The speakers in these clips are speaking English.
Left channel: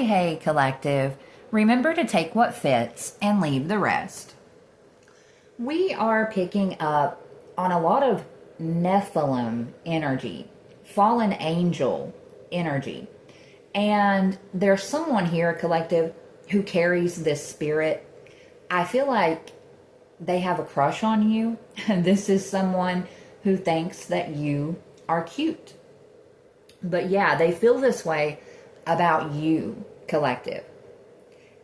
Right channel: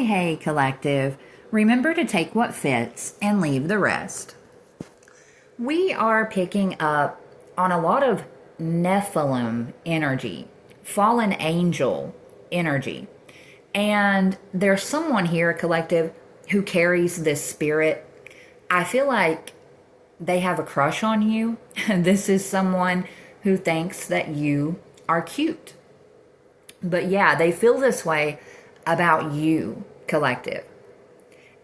Hey, collective. Remember to take what fits and leave the rest. We are picking up on a lot of Nephilim energy, fallen angel energy. And there's someone here, collective, who carries this spirit. I feel like they have a crush on you. This is someone who thinks that you are cute. But yeah, they feel this way about you, collective.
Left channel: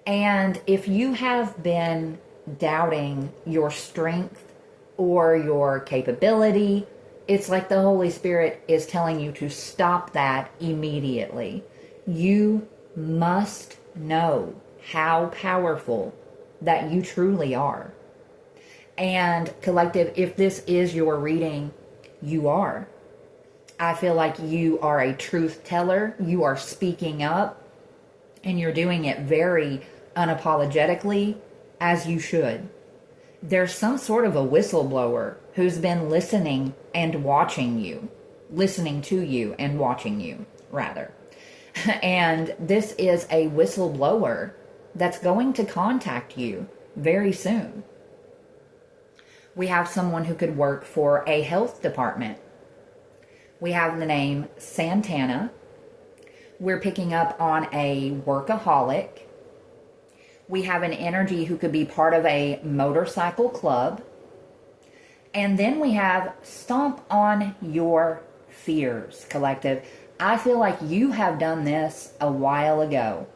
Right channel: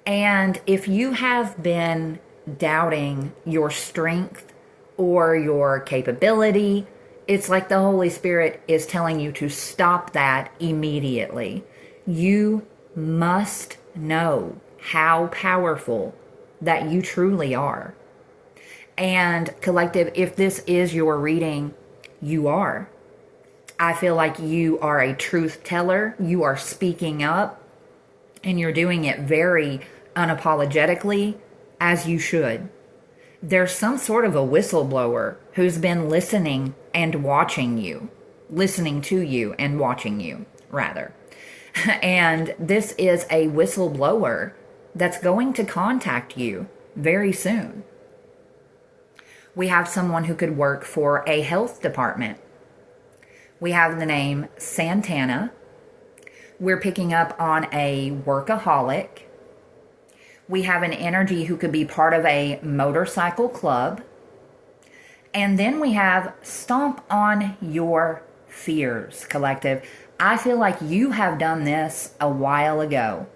And if you have been doubting your strength or your capability, it's like the Holy Spirit is telling you to stop that immediately. You must know how powerful that you truly are. And collective, if this is your reading, you are. I feel like you are a truth teller. You are speaking up and you're doing it very unapologetically, as you should. There's some sort of a whistleblower who's been listening and watching you, listening to you and watching you, rather. And this is a whistleblower that's going to contact you very soon. We have someone who could work for a health department. We have the name Santana. We're picking up on a workaholic. We have an energy who could be part of a motorcycle club. And then we have stomp on your fears, collective. I feel like you have done this a while ago.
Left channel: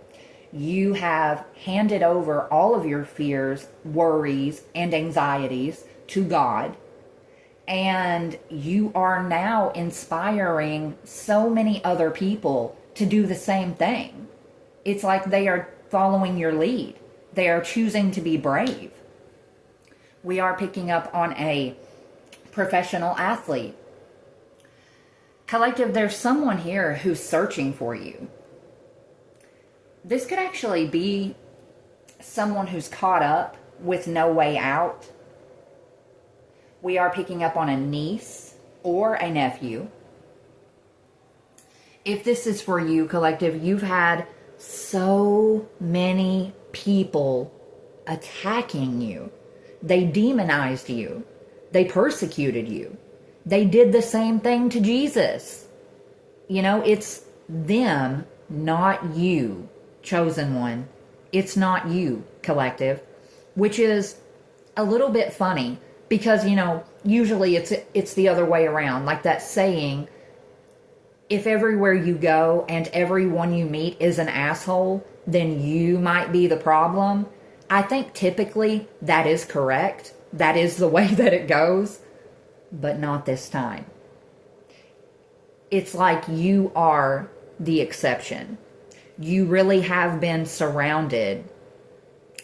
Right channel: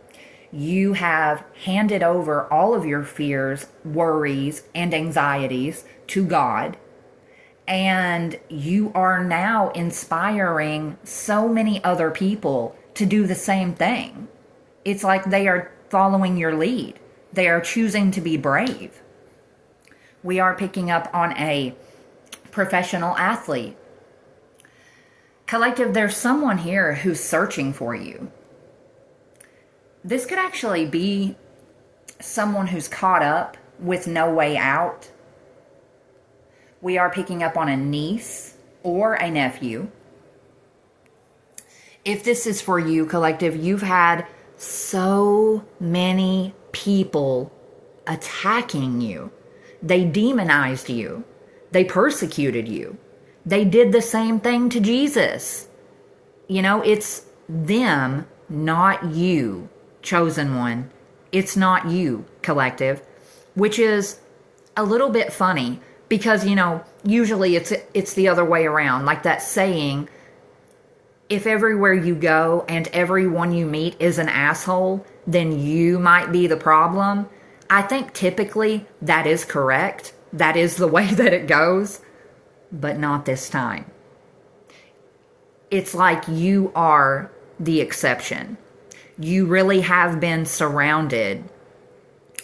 You have handed over all of your fears, worries, and anxieties to God. And you are now inspiring so many other people to do the same thing. It's like they are following your lead. They are choosing to be brave. We are picking up on a professional athlete. Collective, there's someone here who's searching for you. This could actually be someone who's caught up with no way out. We are picking up on a niece or a nephew. If this is for you, collective, you've had so many people attacking you. They demonized you. They persecuted you. They did the same thing to Jesus. You know, it's them, not you, chosen one. It's not you, collective, which is a little bit funny. Because, you know, usually it's the other way around. Like that saying, if everywhere you go and everyone you meet is an asshole, then you might be the problem. I think typically that is correct. That is the way that it goes. But not this time. It's like you are the exception. You really have been surrounded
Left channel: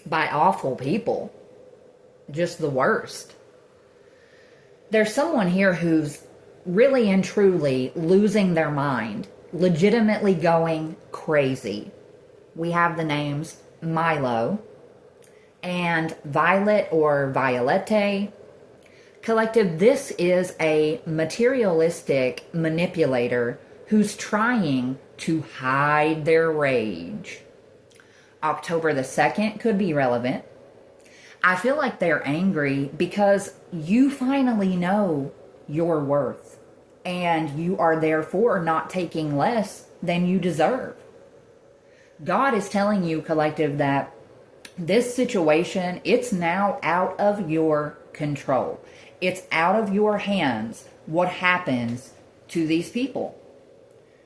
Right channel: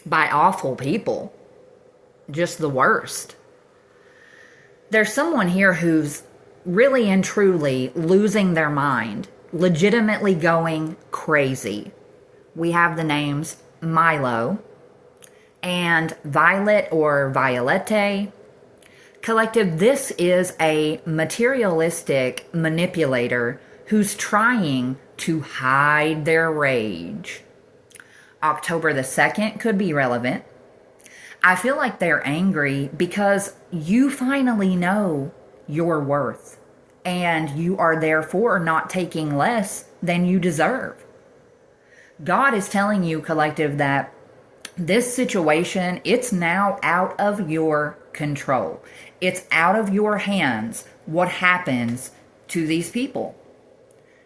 by awful people. Just the worst. There's someone here who's really and truly losing their mind, legitimately going crazy. We have the names Milo and Violet or Violette. Collective, this is a materialistic manipulator who's trying to hide their rage. October the 2nd could be relevant. I feel like they're angry because you finally know your worth and you are therefore not taking less than you deserve. God is telling you, collective, that this situation, it's now out of your control. It's out of your hands what happens to these people.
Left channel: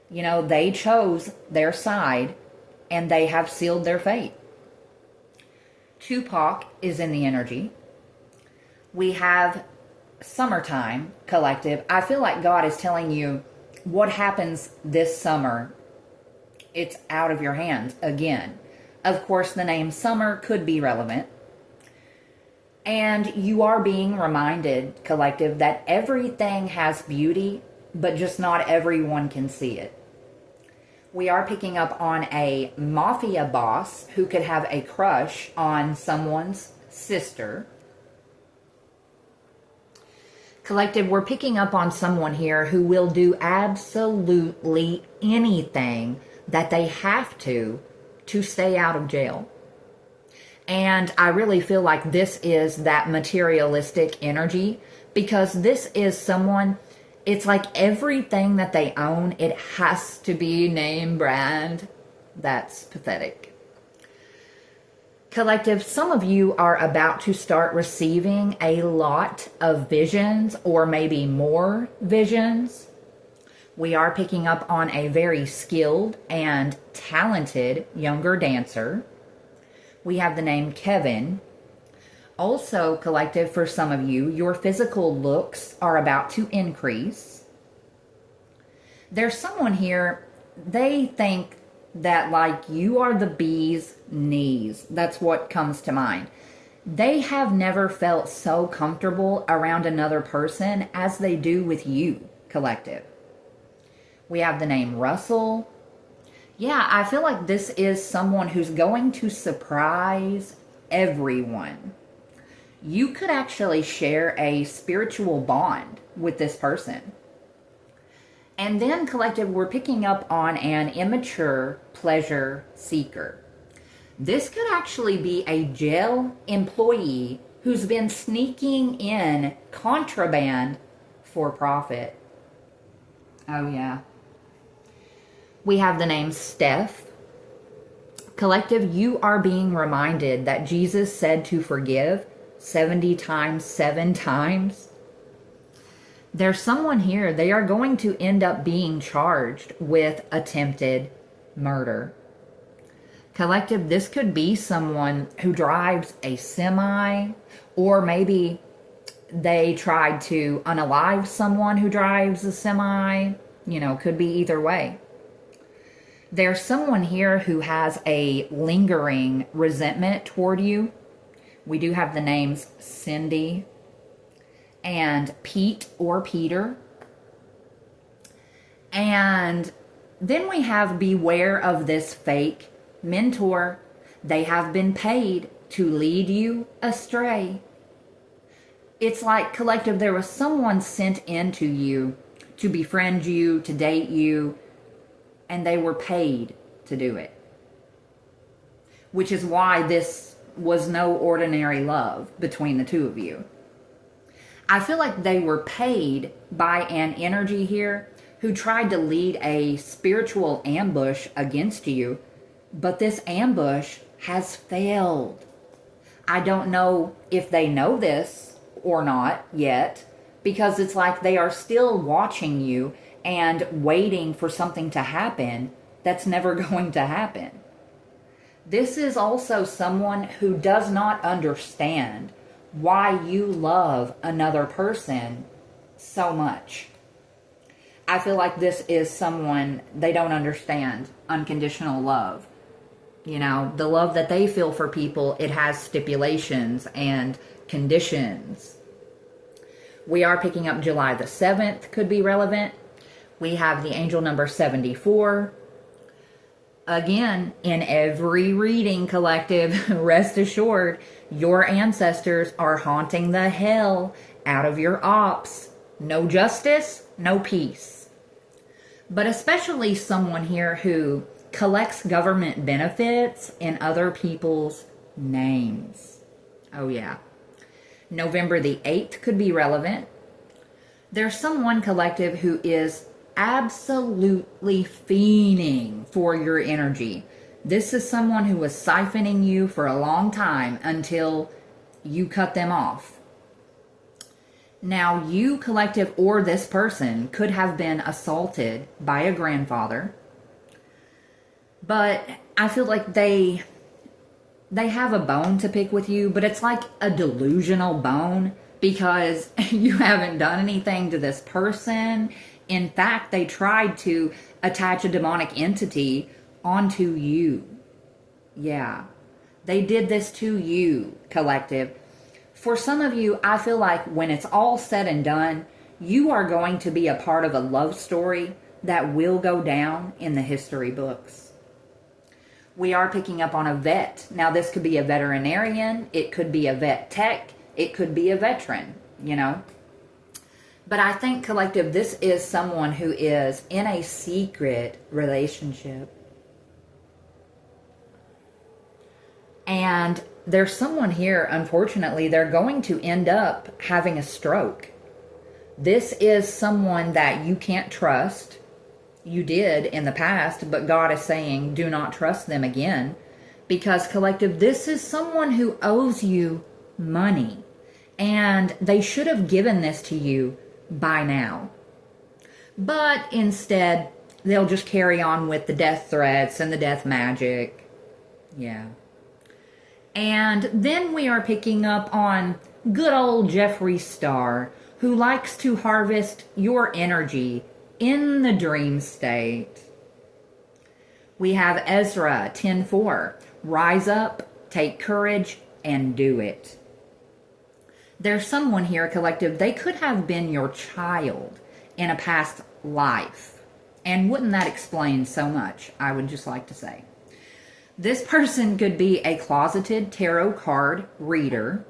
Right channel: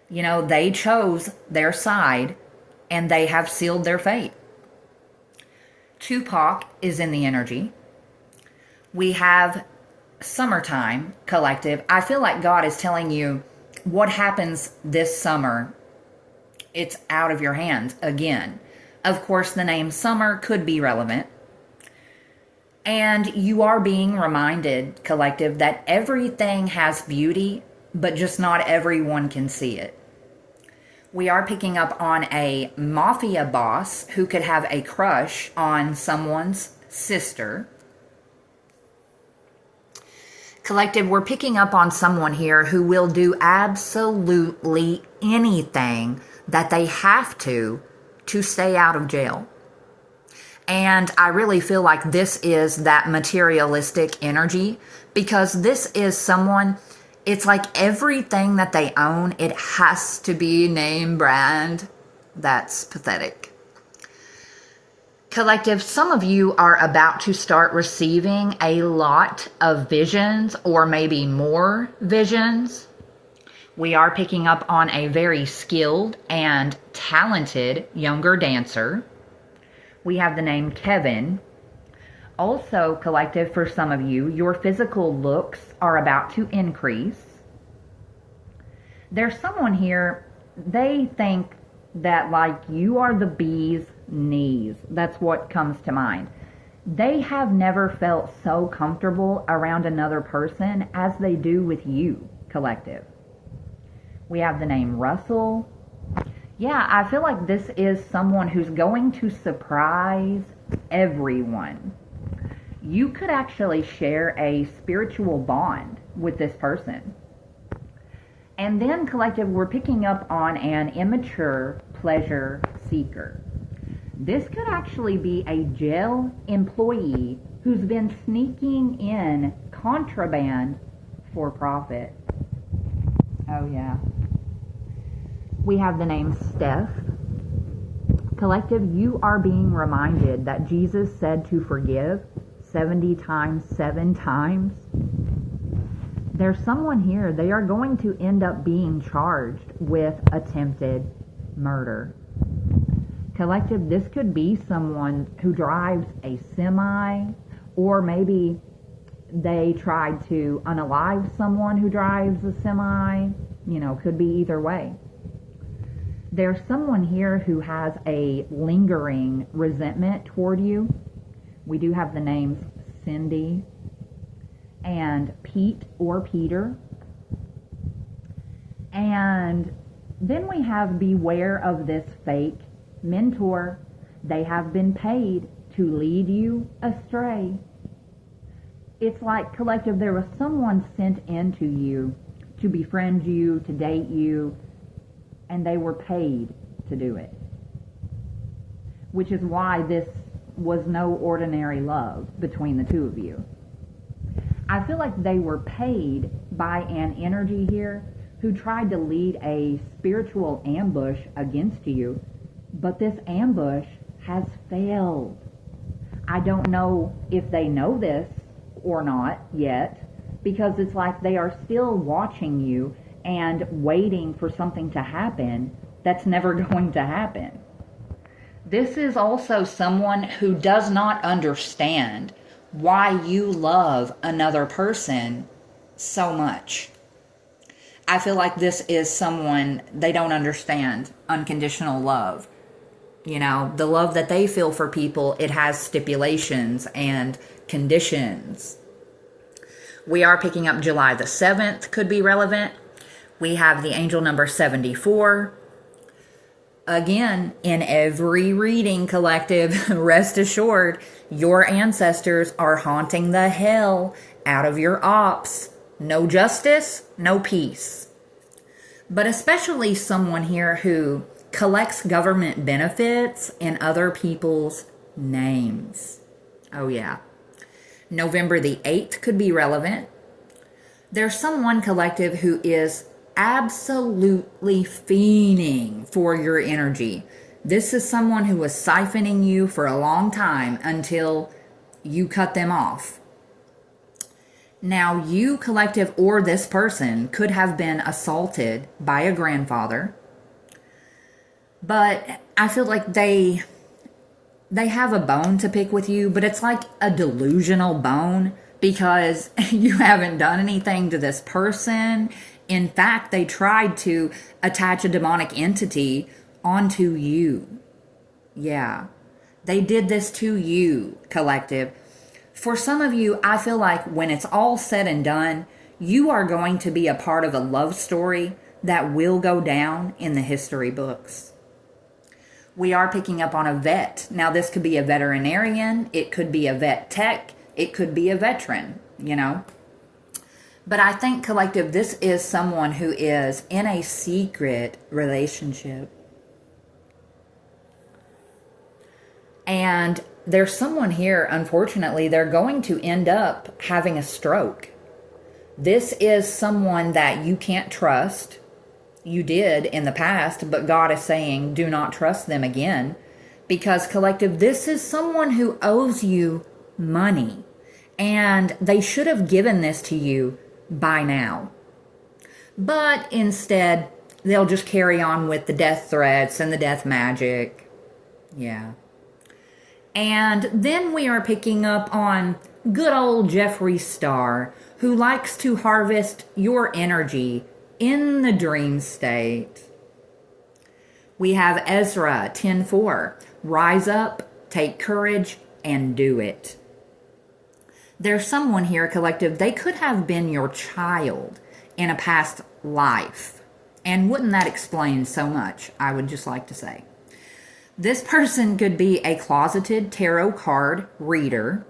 You know, they chose their side and they have sealed their fate. Tupac is in the energy. We have summertime, collective. I feel like God is telling you what happens this summer. It's out of your hands again. Of course, the name summer could be relevant. And you are being reminded, collective, that everything has beauty, but just not everyone can see it. We are picking up on a mafia boss who could have a crush on someone's sister. Collective, we're picking up on someone here who will do absolutely anything that they have to to stay out of jail. And I really feel like this is that materialistic energy, because this is someone, it's like everything that they own, it has to be name brand. That's pathetic. Collective, some of you are about to start receiving a lot of visions, or maybe more visions. We are picking up on a very skilled and talented younger dancer. We have the name Kevin. Also, collective, for some of you, your physical looks are about to increase. There's someone here, they think that like you are the bee's knees. That's what comes to mind. They have never felt so comfortable around another person as they do with you, collective. We have the name Russell. Yeah, I feel like this is someone who's going to surprise everyone. You could actually share a spiritual bond with this person. And then, collective, we're picking up on an immature pleasure seeker. This could actually be a jail employee who's been sneaking in contraband for profit. Oh, yeah. We have the name Steph. Collective, you are being reminded that Jesus said to forgive 70 times, 7 times. There's someone here, they are going to end up being charged with attempted murder. Collective, this could be someone who drives a semi, or maybe they tried to unalive someone who drives a semi. You know, could be either way. There's someone here who has a lingering resentment toward you. We do have the names Cindy and Pete or Peter. And then we have beware of this fake mentor. They have been paid to lead you astray. It's like, collective, there was someone sent into you to befriend you, to date you, and they were paid to do it. Which is why this was no ordinary love between the two of you. I feel like they were paid by an energy here who tried to lead a spiritual ambush against you, but this ambush has failed. I don't know if they know this or not yet, because it's like they are still watching you and waiting for something to happen that's never going to happen. This is also someone who does not understand why you love another person so much. I feel like this is someone, they don't understand unconditional love. You know, the love that they feel for people, it has stipulations and conditions. We are picking up July the 7th, could be relevant. We have the angel number 74. Again, in every reading, collective, rest assured, your ancestors are haunting the hell out of your ops. No justice, no peace. But especially someone here who collects government benefits in other people's names. Oh yeah. November the 8th could be relevant. There's someone, collective, who is absolutely fiending for your energy. This is someone who was siphoning you for a long time until you cut them off. Now, you, collective, or this person could have been assaulted by a grandfather, but I feel like they have a bone to pick with you, but it's like a delusional bone, because you haven't done anything to this person. In fact, they tried to attach a demonic entity onto you. Yeah, they did this to you, collective. For some of you, I feel like when it's all said and done, you are going to be a part of a love story that will go down in the history books. We are picking up on a vet. Now, this could be a veterinarian. It could be a vet tech. It could be a veteran, you know. But I think, collective, this is someone who is in a secret relationship. And there's someone here, unfortunately, they're going to end up having a stroke. This is someone that you can't trust. You did in the past, but God is saying, do not trust them again. Because, collective, this is someone who owes you money. And they should have given this to you by now. But instead, they'll just carry on with the death threats and the death magic. Yeah. And then we are picking up on good old Jeffree Star, who likes to harvest your energy in the dream state. We have Ezra 10:4. Rise up, take courage, and do it. There's someone here, collective, they could have been your child in a past life. And wouldn't that explain so much, I would just like to say. This person could be a closeted tarot card reader.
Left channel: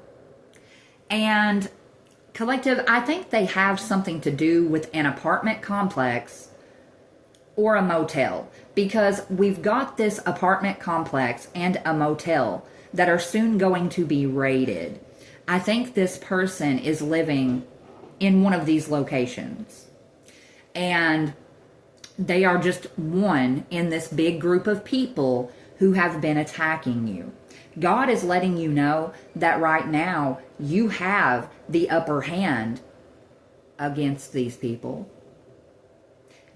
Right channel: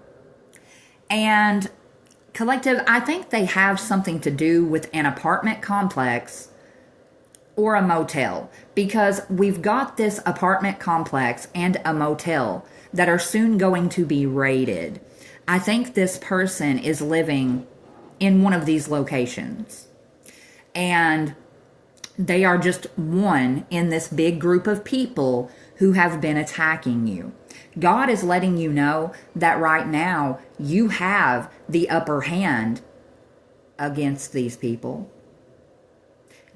And collective, I think they have something to do with an apartment complex or a motel. Because we've got this apartment complex and a motel that are soon going to be raided. I think this person is living in one of these locations. And they are just one in this big group of people who have been attacking you. God is letting you know that right now you have the upper hand against these people.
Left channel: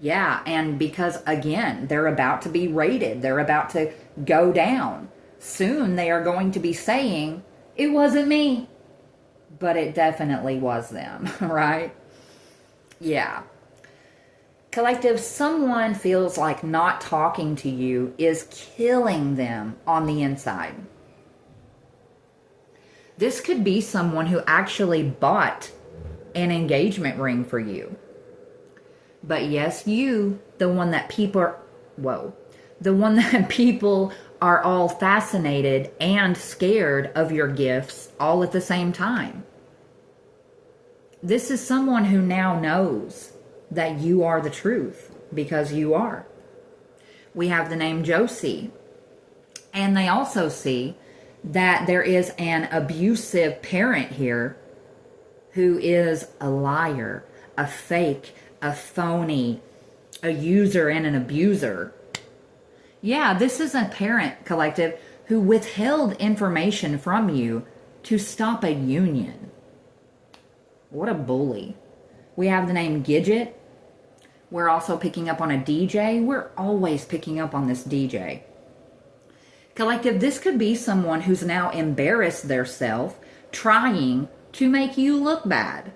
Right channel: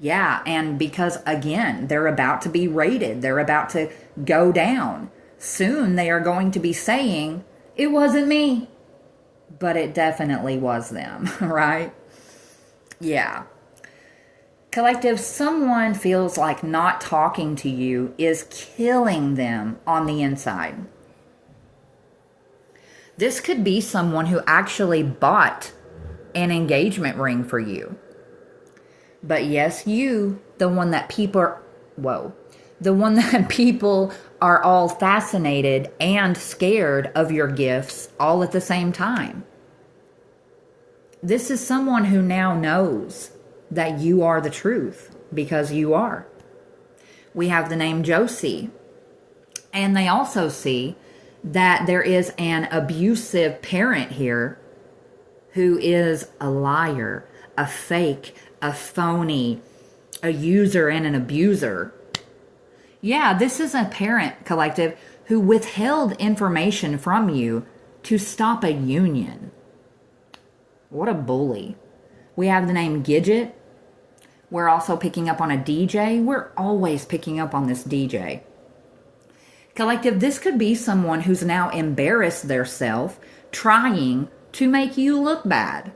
Yeah, and because, again, they're about to be raided. They're about to go down. Soon they are going to be saying, it wasn't me. But it definitely was them, right? Yeah. Collective, someone feels like not talking to you is killing them on the inside. This could be someone who actually bought an engagement ring for you. But yes, you, the one that people are all fascinated and scared of your gifts all at the same time. This is someone who now knows that you are the truth, because you are. We have the name Josie. And they also see that there is an abusive parent here who is a liar, a fake, a phony, a user, and an abuser. Yeah, this is a parent, collective, who withheld information from you to stop a union. What a bully. We have the name Gidget. We're also picking up on a DJ. We're always picking up on this DJ. Collective, this could be someone who's now embarrassed theirself trying to make you look bad.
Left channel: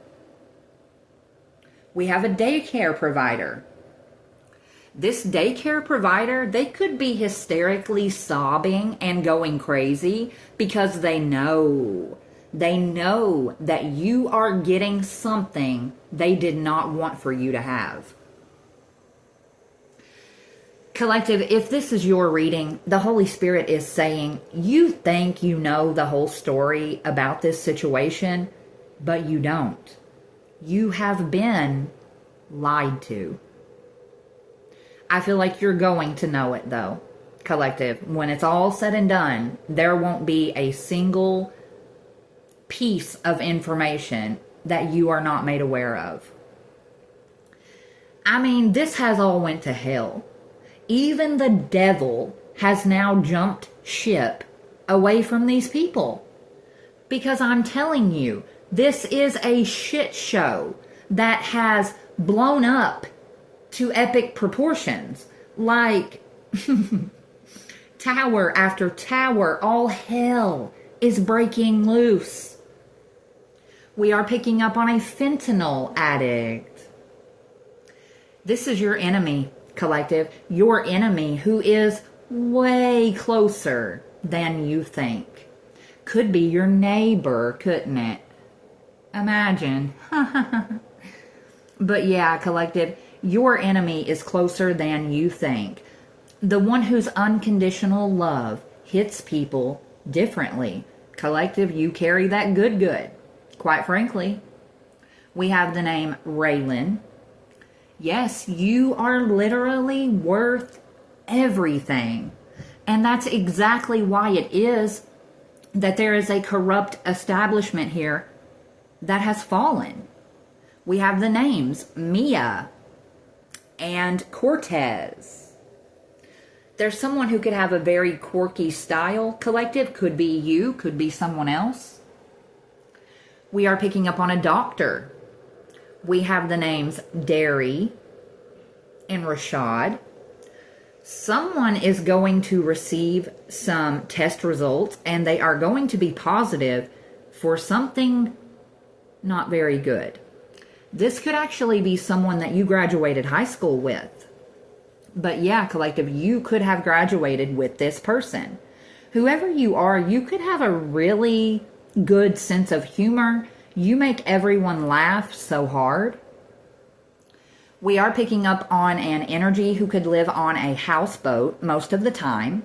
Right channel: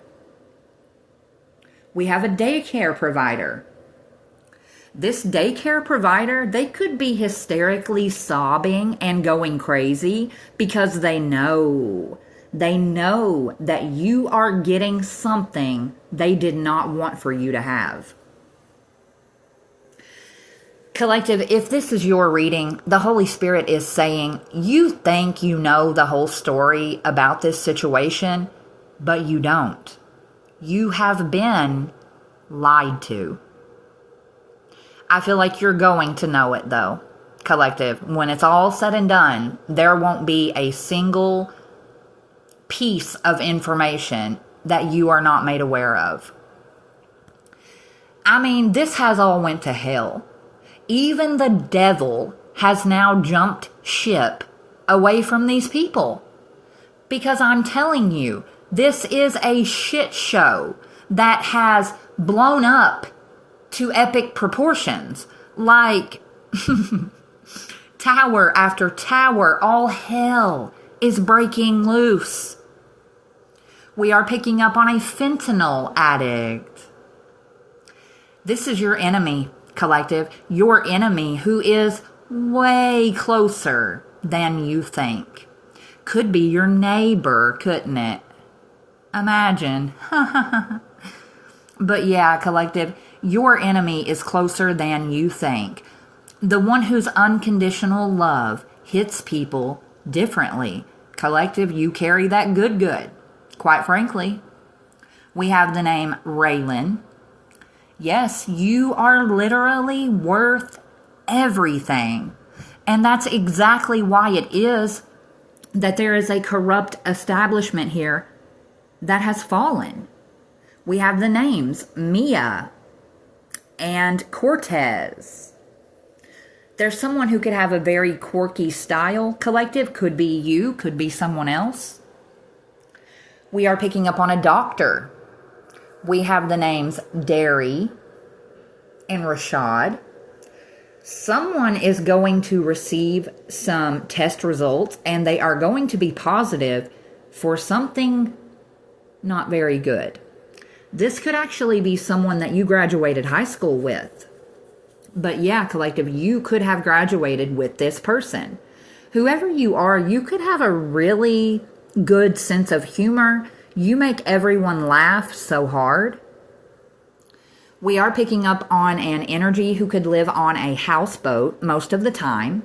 We have a daycare provider. This daycare provider, they could be hysterically sobbing and going crazy because they know that you are getting something they did not want for you to have. Collective, if this is your reading, the Holy Spirit is saying, you think you know the whole story about this situation, but you don't. You have been lied to. I feel like you're going to know it, though, collective. When it's all said and done, there won't be a single piece of information that you are not made aware of. I mean, this has all went to hell. Even the devil has now jumped ship away from these people. Because I'm telling you, this is a shit show that has blown up to epic proportions. Like tower after tower, all hell is breaking loose. We are picking up on a fentanyl addict. This is your enemy, collective. Your enemy who is way closer than you think. Could be your neighbor, couldn't it? Imagine. But yeah, collective, your enemy is closer than you think. The one whose unconditional love hits people differently. Collective, you carry that good. Quite frankly. We have the name Raylan. Yes, you are literally worth everything. And that's exactly why it is that there is a corrupt establishment here that has fallen. We have the names Mia and Cortez. There's someone who could have a very quirky style, collective. Could be you, could be someone else. We are picking up on a doctor. We have the names Derry and Rashad. Someone is going to receive some test results, and they are going to be positive for something not very good. This could actually be someone that you graduated high school with. But yeah, collective, you could have graduated with this person. Whoever you are, you could have a really good sense of humor. You make everyone laugh so hard. We are picking up on an energy who could live on a houseboat most of the time.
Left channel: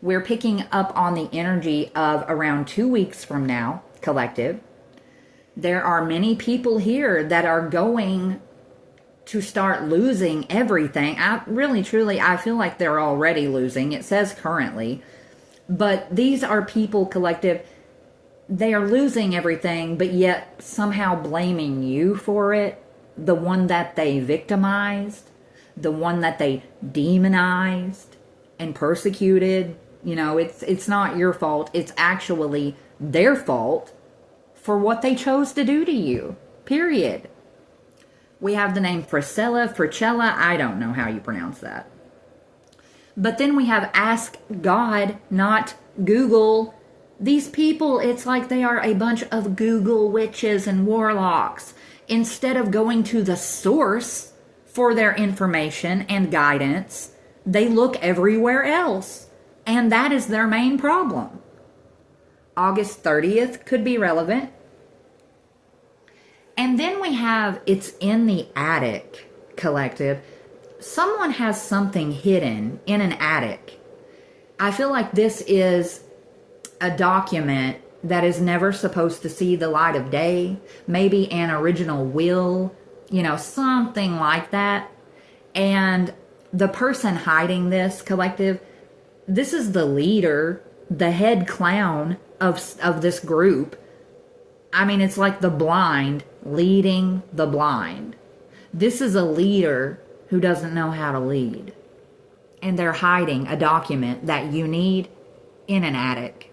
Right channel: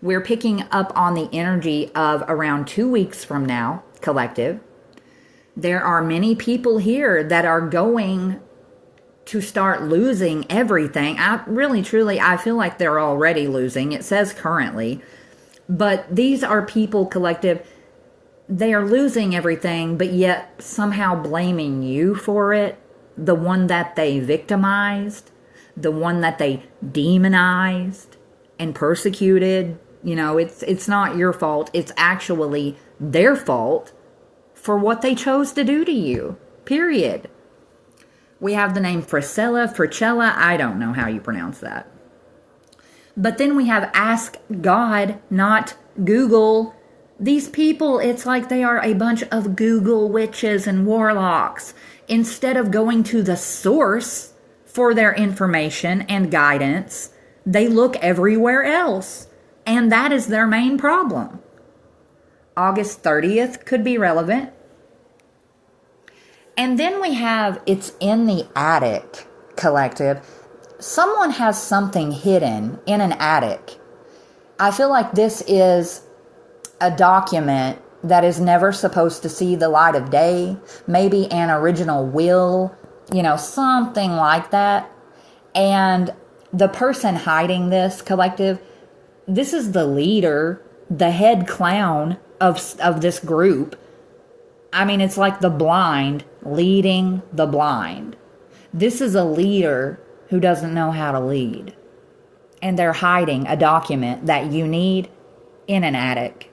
We're picking up on the energy of around 2 weeks from now, collective. There are many people here that are going to start losing everything. I feel like they're already losing. It says currently. But these are people, collective, they are losing everything, but yet somehow blaming you for it. The one that they victimized, the one that they demonized and persecuted. You know, it's not your fault. It's actually their fault for what they chose to do to you. Period. We have the name Fricella. I don't know how you pronounce that. But then we have Ask God, not Google. These people, it's like they are a bunch of Google witches and warlocks. Instead of going to the source for their information and guidance, they look everywhere else. And that is their main problem. August 30th could be relevant. And then we have It's in the Attic, collective. Someone has something hidden in an attic. I feel like this is a document that is never supposed to see the light of day. Maybe an original will, something like that. And the person hiding this, collective, this is the leader, the head clown of this group. I mean, it's like the blind leading the blind. This is a leader who doesn't know how to lead. And they're hiding a document that you need in an attic.